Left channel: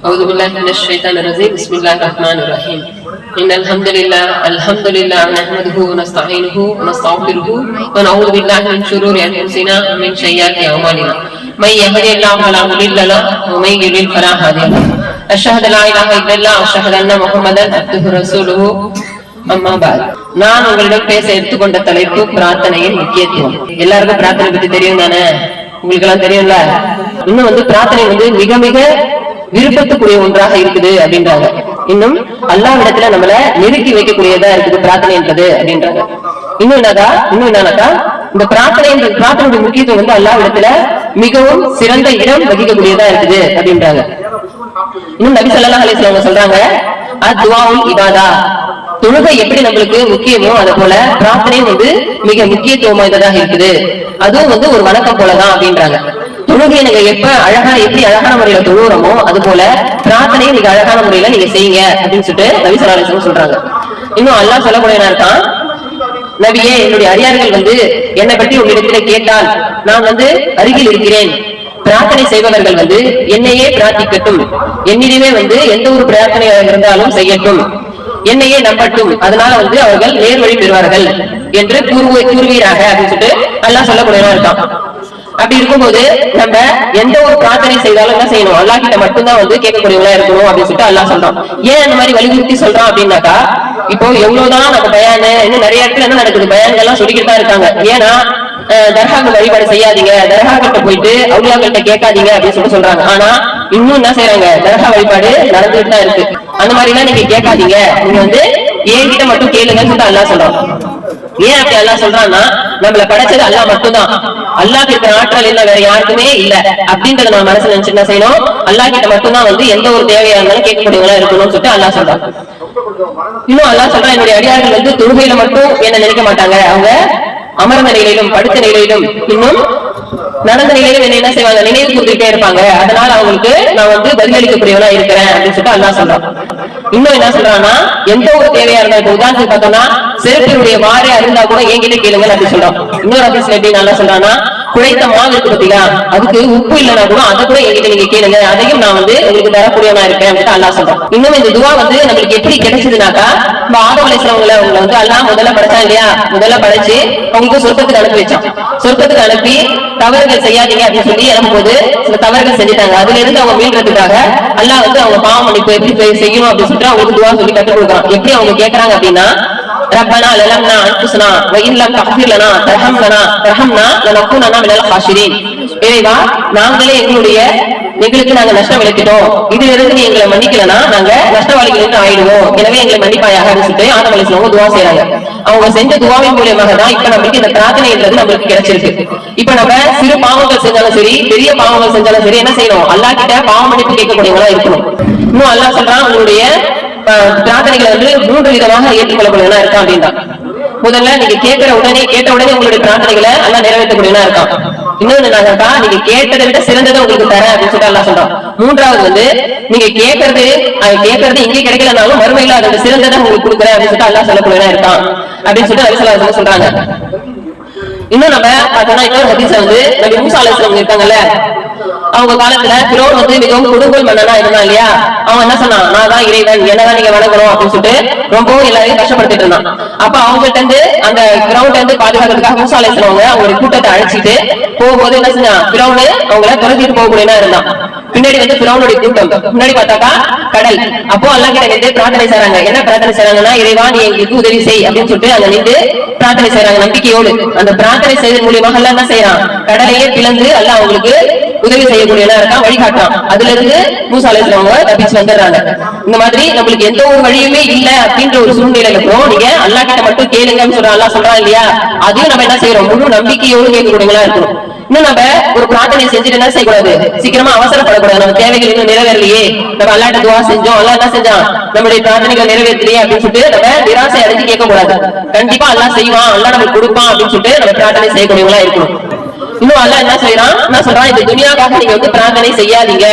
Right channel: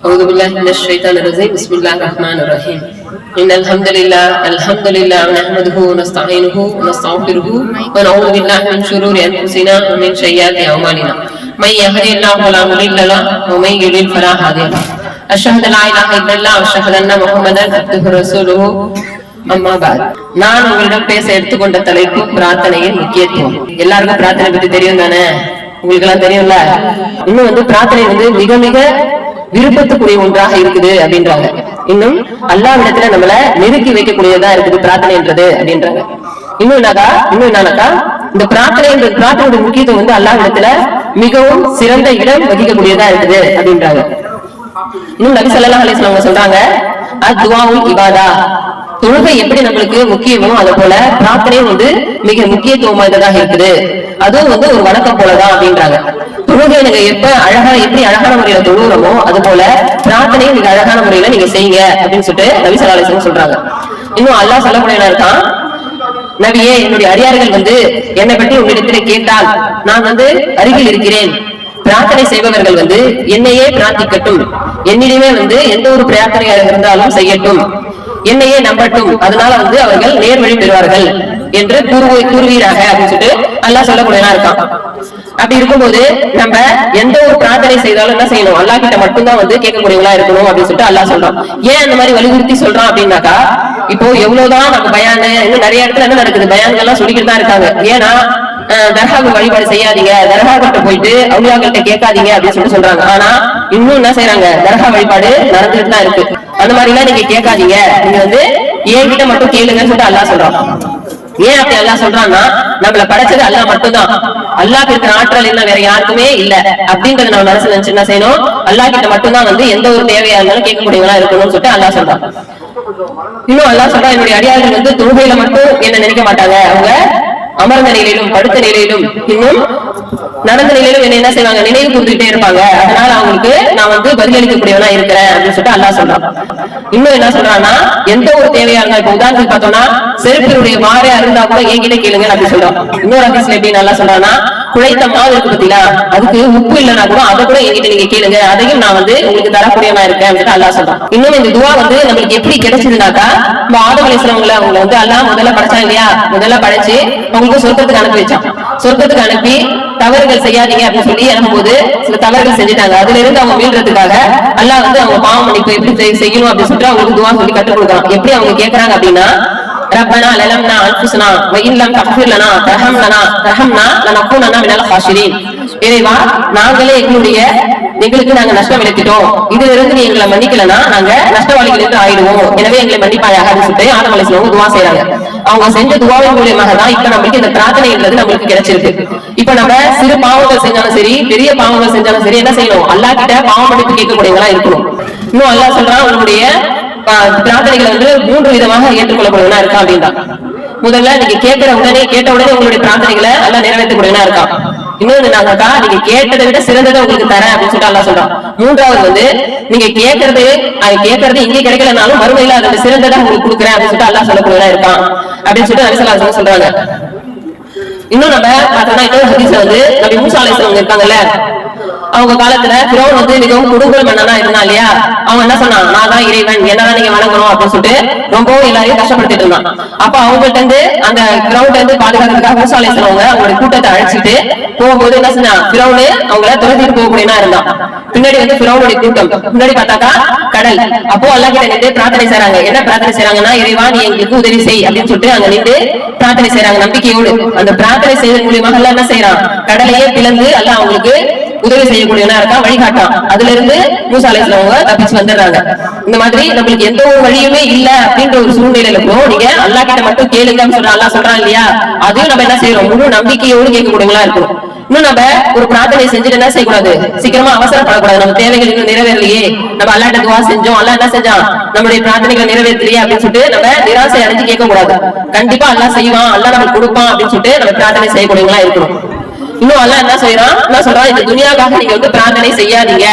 أعوذ بالله من الشيطان الرجيم بسم الله الرحمن الرحيم إن الحمد لله الحمد لله نحمده ونستعينه ونستغفره ونعوذ بالله من شرور أنفسنا ومن سيئات أعمالنا من يهدي الله فلا مضل له ومن يضلل فلا هادي له أشهد أن لا إله إلا الله وأشهد أن محمدا عبده ورسوله அம்மா பாத் நான் உங்களிடம் பேச எடுத்துக்கொண்ட தலைப்பு பிரார்த்தனையின் முக்கியத்துவம் எல்லாருக்கும் பிரார்த்தனை பத்தி தெரியும் தானே உங்களுக்கு எல்லாம் தெரியும்ல இன்னும் வந்து பிரார்த்தனை வந்து மிக மிக விருப்பத்துக்குரிய ஒன்றாக இருக்குது அப்படின்றாங்க. இன்னும் அல்லாவிடத்துல நம்மள நெருக்கி வைக்கக்கூடியதா இருக்குது பிரார்த்தனைன்றது அப்படின்றாங்க. இன்னும் என்னதா? இன்னும் என்னன்னாக்கா இந்த பிரார்த்தனை இந்த பிரார்த்தனையோட முக்கியத்துவம் வந்து அல்லாவிடத்துல மிகவும் சிறந்த இடம் வகிக்கக்கூடியதா இருக்குது அப்படின்றாங்க. இன்னும் நபி ஸல்லல்லாஹு அலைஹி வஸல்லம் சொல்றாங்க அத்வாவுல் இவாதா தொழுகை எப்படி நம்மளுக்கு முக்கியமோ அது போல பிரார்த்தனையும் வந்து மிக முக்கியத்துவம் வாய்ந்ததாக இருக்குது. அதுவும் வந்து ஒரு வணக்கம் போலதான் அப்படின்றாங்க. தொழுகை நீங்க எப்ப அழகா எப்படி அழகான முறையில தொழுகிறோமோ அது போல பிரார்த்தனையும் நீங்க அழகான முறையில நீங்க செய்யுங்க அப்படின்னு சொல்லிட்டு நபி ஸல்லல்லாஹு சொல்றாங்க. இன்னும் அல்லாஹ் சொல்லக்கூடிய இருக்கான்? நபியே என்னுடைய அடியார்கள் வந்து என்னை பற்றி உங்களிடத்திலே கேட்டால் நான் வந்து அருகில் இருக்கிறேன். பிரார்த்தனை செய்பவர்கள் வந்து என்னையே பிரார்த்திக்கட்டும். என்னிடமே வந்து எந்த ஒரு பிரார்த்தனையாக இருந்தாலும் செய்யட்டும். என்னையே நம்பட்டும். அதனால வந்து அவர்கள் நேர்வழி பெறுவார்கள் என்று கூறு கூறுவீராக அப்படின்னு சொல்லிட்டு அல்லாஹ் சொல்லக்கூடியதா இருக்கான். அப்படி இருக்கும்போது நம்ம எந்த ஒரு பிரார்த்தனை செய்தாலும் என்ன செய்யணும்? அல்லாஹ் கிட்ட மட்டும்தான் வந்து கேட்கக்கூடியவங்களா இருக்கணும் அப்படின்னு சொல்லிட்டு அல்லா சொல்றான். ஏன் இந்த மாதிரி வலியுறுத்தி சொல்றான் அப்படின்னாக்கா இப்போ எவ்வளவுதான் நம்ம பயானு இன்னும் நிறைய இடத்துல என்ன நடக்குது? பயான்கள்லாம் சொல்லிக்கிட்டு தான் இருக்காங்க. ஏன்னா அஹ், தர்காவுக்கு வழிபாடு செய்யாதீங்க தர்காக்கிட்ட போயிட்டு அவுளியாக்கள்கிட்ட கேட்காதீங்க அப்படின்னு சொல்லிட்டு சொல்றாங்க. ஆனா இன்னும் என்ன செய்யறாங்க தர்கா வழிபாடு நடந்துட்டு தான் இருக்கு. அந்த மாதிரி எல்லாம் நீங்க கேட்காதீங்க. நீங்க வந்து ஏன் கிட்ட மட்டும் கேளுங்கன்னு சொல்லிட்டு அல்லாஹ் சொல்றான். ஏன் அப்படி அல்லாஹ் சொல்றான்னா நம்மள படைச்சது அல்லாஹ் மட்டும்தான். அல்லாஹ் இருக்கிற ஆற்றல் இல்ல வேற யாருக்குமே இல்ல. அப்படிங்கறத நம்ம மனசுல நினைச்சு என்ன செய்யணும்? அல்லாஹ் கிட்ட மட்டும்தான் வந்து எந்த ஒரு தேவையா இருந்தாலும் கேட்கக்கூடியவங்களா இருக்கணும்னு சொல்லிட்டு அல்லா சொல்றான். இன்னும் அல்லா சொல்றான் என்னுடைய அடியாளர்கள் வந்து தொழுகையில மட்டும் என்ன நினைக்க மாட்டாங்க. அவங்க அமர்ந்த நிலையிலும் படுத்த நிலையிலும் இன்னும் நடந்த நிலையில என்ன என்ன செய்வாங்க? நினைவு கூர்ந்துட்டே இருப்பாங்க. அதனால அவங்களுக்கு நான் வந்து பதிலளிக்கக்கூடியவனா இருக்கிறேன் அப்படின்னு சொல்லிட்டு அல்லா சொல்றான். இன்னும் என்ன சொல்றான்னா எந்த ஒரு தேவையா இருந்தா இப்ப உதாரணத்துக்கு பார்த்தோம்னா செருப்பினுடைய வாரே அருந்தா கூட என்கிட்ட கேளுங்க அப்படின்னு சொல்றான். இன்னொரு அதிசயம் எப்படி நல்லா சொல்றான்னா குழைத்த மாவு இருக்கு அதுக்கு உப்பு இல்லைன்னா கூட அதை கூட என்கிட்ட நீங்க கேளுங்க. அதையும் நான் வந்து உங்களுக்கு தரக்கூடியவனா இருக்கேன் அல்லா அல்லாஹ் சொல்றான். இன்னும் இந்த துவா வந்து நம்மளுக்கு எப்படி கிடைச்சதுனாக்கா நம்ம ஆதம் அலிஸ்லாமங்களை அவங்களை வந்து எல்லாம் முதல்ல படைச்சான் இல்லையா? முதல்ல படைச்சு அவங்களுக்கு சொர்க்கத்துக்கு அனுப்பி வச்சான். சொர்க்கத்துக்கு அனுப்பி தவறுகள் செய்யாதீங்க அப்படின்னு சொல்லி அனுப்பும்போது சில தவறுகள் செஞ்சுட்டாங்க. அதுல இருந்து அவங்க மீள்றதுக்காக அல்லா வந்து அவங்க பாவம் மன்னிப்பு எப்படி செய்யணும் அப்படின்னு சொல்லிட்டு அவங்களுக்கு துவா சொல்லி கற்றுக் கொடுக்கலாம் எப்படி அவங்க கேட்கறாங்க அப்படின்னா ربنا لنا انفسنا وان لم تغفر لنا ترحمنا ترحمنا لنكونن من الخاسرين இறைவா நாங்களே எங்களுடைய எங்களுக்கு நாங்க நஷ்டம் விளைத்துட்டோம் இதுல இருந்து நீ எங்களை மன்னிக்கலனா நாங்க நஷ்டவாளிகள் என்று ஆயிடுவோம் எனவே எங்களை மன்னிப்பாயாக அப்படின்னு சொல்லிட்டு ஆதம் அலிஸ்லாமும் துவா செய்யறாங்க அவங்க செஞ்ச துவாவின் மூலியமாக தான் இப்ப நம்மளுக்கு இந்த பிரார்த்தனைன்றது நம்மளுக்கு கிடைச்சிருக்கு இப்ப நம்ம சிறு பாவங்கள் செஞ்சாலும் சரி பெரிய பாவங்கள் செஞ்சாலும் சரி என்ன செய்யணும் அல்லாஹ் கிட்ட பாவ மன்னிப்பு கேட்கக்கூடியவங்களா இருக்கணும் இன்னும் அல்லாஹ் சொல்றான் உங்களுடைய ப- பிரார்த்தனைகளை வந்து மூன்று விதமாக ஏற்றுக்கொள்ளக்கூடியவனா இருக்கா அப்படின்னா. முதல்ல நீங்க கேட்கிற உடனே கேட்ட உடனே உங்களுடைய பிரார்த்தனைகளை எல்லாம் நிறைவேற்றக்கூடியவனா இருக்கான் இன்னொன்னு நாங்கக்கா நீங்க கேட்டதை விட சிறந்ததை உங்களுக்கு தரேன் அப்படின்னு சொல்லிட்டு எல்லாம் சொல்றான். மூன்றாவது வந்து நீங்க கேட்கறது அது கேட்கறது இங்க கிடைக்கலனாலும் மறுமையில அதோட சிறந்ததை உங்களுக்கு கொடுக்குறேன் அப்படின்னு சொல்லிட்டு எல்லாம் சொல்லக்கூடியதா இருக்கான் அப்படின்னு சொல்லிட்டு அலிசல்லா சொல்றாங்க. இன்னும் நம்ம பார்த்தோம்னா இன்னொரு ஹதீஸ் வந்து நம்ம மூசா இருக்காங்கல்ல அவங்க காலத்துல பிரோன் வந்து மிகவும் குடும்பல் மன்னனா இருந்தா இல்லையா? அவன் என்ன சொன்னான்? நான் தான் இறைவன் என்னதான் நீங்க வணங்கணும் அப்படின்னு சொல்லிட்டு ரொம்பவும் எல்லாரையும் கஷ்டப்படுத்திட்டு இருந்தான். அப்ப அவங்கள்ட்ட இருந்து அந்த கிரௌண்ட்ல இருந்து பாதுகாக்கிறதுக்காக மூசாலை அலைஹிஸ்ஸலாம் அவங்களோட கூட்டத்தை அழைச்சிட்டு போகும்போது என்ன செஞ்சான்? பிறவுனு அவங்கள துரத்திட்டு போகக்கூடியனா இருந்தான். பின்னாடி வந்து பிறவுனுடைய கூட்டம். முன்னாடி பார்த்தாக்கா கடல். அப்போ அல்லா கிட்ட நின்று பிரார்த்தனை செய்றாங்க. என்ன பிரார்த்தனை செய்றாங்கன்னா இறைவா நீ எங்களுக்கு உதவி செய் அப்படின்னு சொல்லிட்டு அங்க நின்று பிரார்த்தனை செய்றாங்க. நம்பிக்கையோடு. அந்த பிரார்த்தனை செய்வதன் மூலியமாக எல்லாம் என்ன செய்யறான் கடலையே பிளந்து எல்லாம் அவங்களுக்கு உதவி செய்யக்கூடியவனா இருக்கா? வழிகாட்டான் அதுல இருந்து மூசா அவங்க தப்பிச்சு வந்துடுறாங்க. இந்த மாதிரி நம்மளுக்கு எந்த ஒரு வழியுமே இல்ல அப்படின்ற ஒரு சூழ்நிலையில இருக்கிறோம். நீங்க அல்லா கிட்ட மட்டும் கேளுங்கன்னு சொல்ற அல்லா சொல்றான் இல்லையா? அதையும் நம்ம என்ன செய்யறோம்? முழு நம்பிக்கையோடு கேட்கக்கூடியவங்களா இருக்கணும். இன்னும் நம்ம ஒரு பிரார்த்தனை செஞ்சுட்டு என்ன செய்யக்கூடாது? சீக்கிரமா அவசரப்படக்கூடாது. நம்ம தேவைகள் இன்னும் நிறைவேறலையே. நம்ம அல்லாட்ட துவா செஞ்சோம். அல்லா என்ன செஞ்சான்? நம்மளுடைய பிரார்த்தனைகள் நிறைவேற்றலையே அப்படின்னு சொல்லிட்டு நம்ம நிராசை அடைஞ்சு கேட்க கூடாது கண்டிப்பா அல்லா செய்வான். அல்லா நமக்கு கொடுப்பான் அப்படின்னு சொல்லிட்டு நம்ம பிரார்த்தனை செய்யக்கூடியவங்களா இருக்கணும். இன்னும் அல்ல என்ன செய்யறான் என்ன சொல்றான்? இந்த துனியாக்காக நீங்க வந்து பிரார்த்தனை செய்யாதீங்க.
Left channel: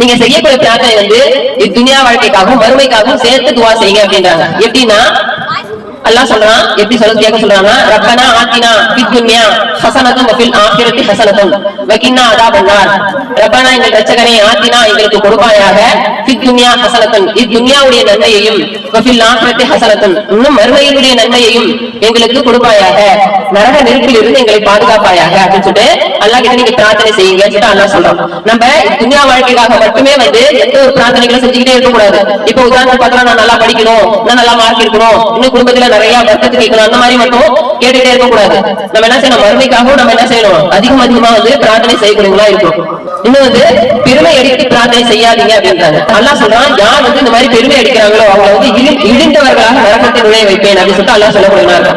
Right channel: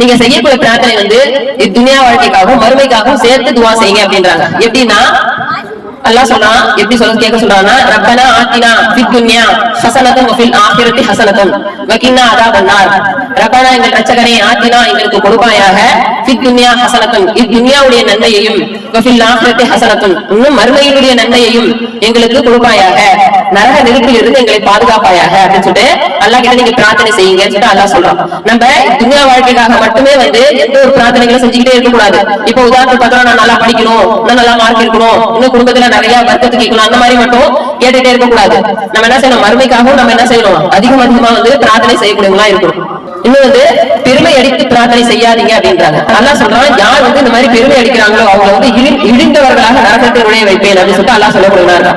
நீங்க செய்யக்கூடிய பிரார்த்தனை வந்து துனியா வாழ்க்கைக்காகவும் மறுமைக்காகவும் சேர்த்து துவா செய்யுங்க அப்படின்றாங்க. எப்படின்னா அல்லாஹ் சொல்றான் எப்படி சொல்ல கேட்க சொல்றாங்கன்னா ரப்பனா ஆத்தினா பித் துன்யா ஹசனதம் வஃபில் ஆஹிரத்தி ஹசனதம் வகின்னா அதாபன்னார் எங்கள் ரச்சகனே ஆத்தினா எங்களுக்கு கொடுப்பாயாக. துன்யா ஹசனத்தன். இத்துன்யாவுடைய நன்மையையும் வஃபில் ஹசனத்தன். இன்னும் மறுமையினுடைய நன்மையையும் எங்களுக்கு கொடுப்பாயாக. நரக நெருப்பில் இருந்து எங்களை பாதுகாப்பாயாக. அப்படின்னு சொல்லிட்டு கிட்ட நீங்க பிரார்த்தனை செய்யுங்கன்னு சொல்லிட்டு சொல்றான். நம்ம துன்யா வாழ்க்கைக்காக மட்டுமே வந்து எந்த ஒரு பிரார்த்தனைகளும் செஞ்சுக்கிட்டே இருக்கக்கூடாது. இப்ப உதாரணத்துக்கு பார்த்தா நான் நல்லா படிக்கணும் நான் நல்லா மார்க் எடுக்கணும் இன்னும் குடும்பத்துல நிறைய வர்க்கத்து கேட்கணும் அந்த மாதிரி மட்டும் கேட்டுட்டே இருக்கக்கூடாது. நம்ம என்ன செய்யணும்? மறுமைக்காகவும் நம்ம என்ன செய்யணும்? அதிகம் அதிகமா வந்து பிரார்த்தனை செய்யக்கூடியவங்களா இருக்கணும். இன்னும் வந்து பெருமை அடித்து பிரார்த்தனை செய்யாதீங்க அப்படின்றாங்க. அல்லா சொல்றான் யார் வந்து இந்த மாதிரி பெருமை அடிக்கிறாங்களோ அவங்க வந்து இழிந்தவர்களாக நரகத்தை நுழைய வைப்பேன் அப்படின்னு சொல்லிட்டு அல்லா சொல்லப்படுகிறாங்க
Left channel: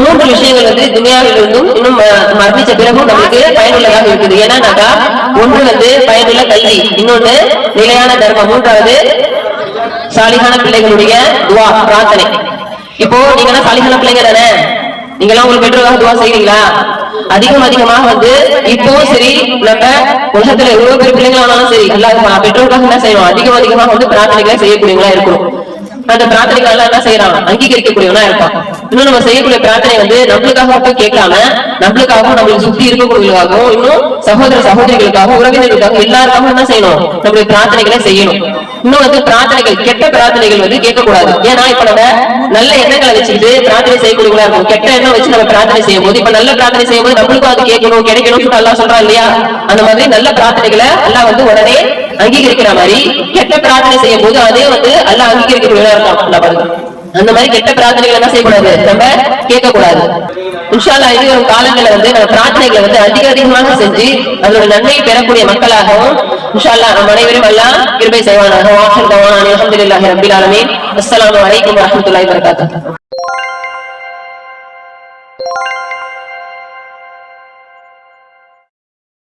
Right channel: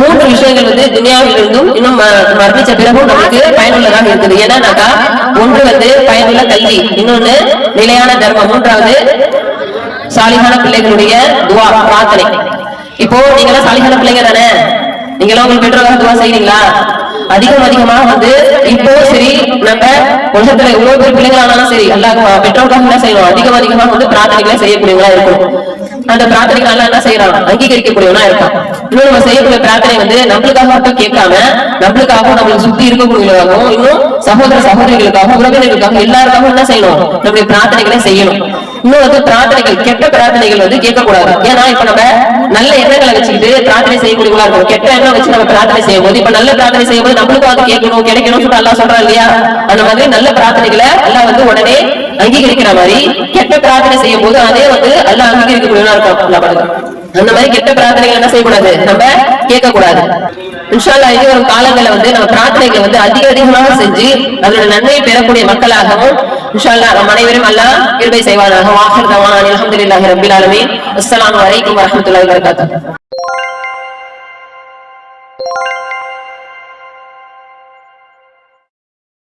மூன்று விஷயங்கள் வந்து துனியாவில் இருந்தும் இன்னும் மரணிச்ச பிறகும் நமக்கு பயனுள்ளதாக இருக்குது. ஏன்னாக்கா ஒன்று வந்து பயனுள்ள கல்வி. இன்னொன்று நிலையான தர்மம். மூன்றாவது சாலிகான பிள்ளைகளுடைய துவா பிரார்த்தனை. இப்போ நீங்க எல்லாம் சாலிகான பிள்ளைங்க தானே? நீங்க எல்லாம் உங்க பெற்றோர்கள் துவா செய்றீங்களா? அதிகம் அதிகமாக வந்து இப்போ சரி நம்ம உலகத்துல எவ்வளவு பேர் பிள்ளைங்களானாலும் ஆனாலும் சரி எல்லா பெற்றோர்களுக்காக என்ன செய்யணும்? அதிகம் அதிகமாக வந்து பிரார்த்தனைகளை செய்யக்கூடியவங்களா இருக்கும் அந்த பிரார்த்தனைகள் எல்லாம் என்ன செய்யறாங்க? அங்கீகரிக்கக்கூடியவனா இருக்கான். இன்னும் நம்ம செய்யக்கூடிய பிரார்த்தனை வந்து நம்மளுக்காக மட்டும் கேட்காம நம்மளுக்காகவும் நம்மளுக்கு சுத்தி இருக்கக்கூடியவர்களுக்காகவும் இன்னும் சகோதர சகோதரிகளுக்காக உறவினர்களுக்காக எல்லாருக்காகவும் என்ன செய்யணும்? நம்மளுடைய பிரார்த்தனைகளை செய்யணும். இன்னும் வந்து பிரார்த்தனைகள் கெட்ட பிரார்த்தனைகள் வந்து கேட்கக்கூடாது. ஏன்னா இப்ப நம்ம நல்ல எண்ணங்களை வச்சுக்கிட்டு பிரார்த்தனை செய்யக்கூடியவங்களா இருக்கும் கெட்ட எண்ணம் வச்சு நம்ம பிரார்த்தனை செய்யும் போது இப்ப நல்ல பிரார்த்தனை செய்யும் போது நம்மளுக்கும் அது கேட்கணும் கிடைக்கணும்னு சொல்லிட்டு அல்லாஹ் சொல்றான் இல்லையா? அந்த மாதிரி நல்ல பிரார்த்தனைகளை எல்லாம் வந்து உடனே அங்கீகரிக்கிற மாதிரி கெட்ட பிரார்த்தனை செய்யும் போது அதே வந்து அல்லாஹ் அங்கீகரிக்கக்கூடியதா இருக்கும் அல்லாஹ் பாருங்க. அந்த மாதிரி கெட்ட பிரார்த்தனைகள் என்ன செய்யக்கூடாது. நம்ம கேட்கக்கூடாது. உஷாலா இது ஒரு காலங்களில் வந்து நம்ம பிரார்த்தனைகளை வந்து அதிக அதிகமாக செஞ்சு அதோட நன்மையை பெறக்கூடிய மக்களாகவும் இன்ஷால்லா நம் அனைவரும் எல்லாம் கிருபை செய்வானாக. வாசல் தவானா அல்ஹம்துலில்லாஹி ரப்பில் ஆலமீன். அஸ்ஸலாமு அலைக்கும் வரஹ்மத்துல்லாஹி வபரகாத்துஹு.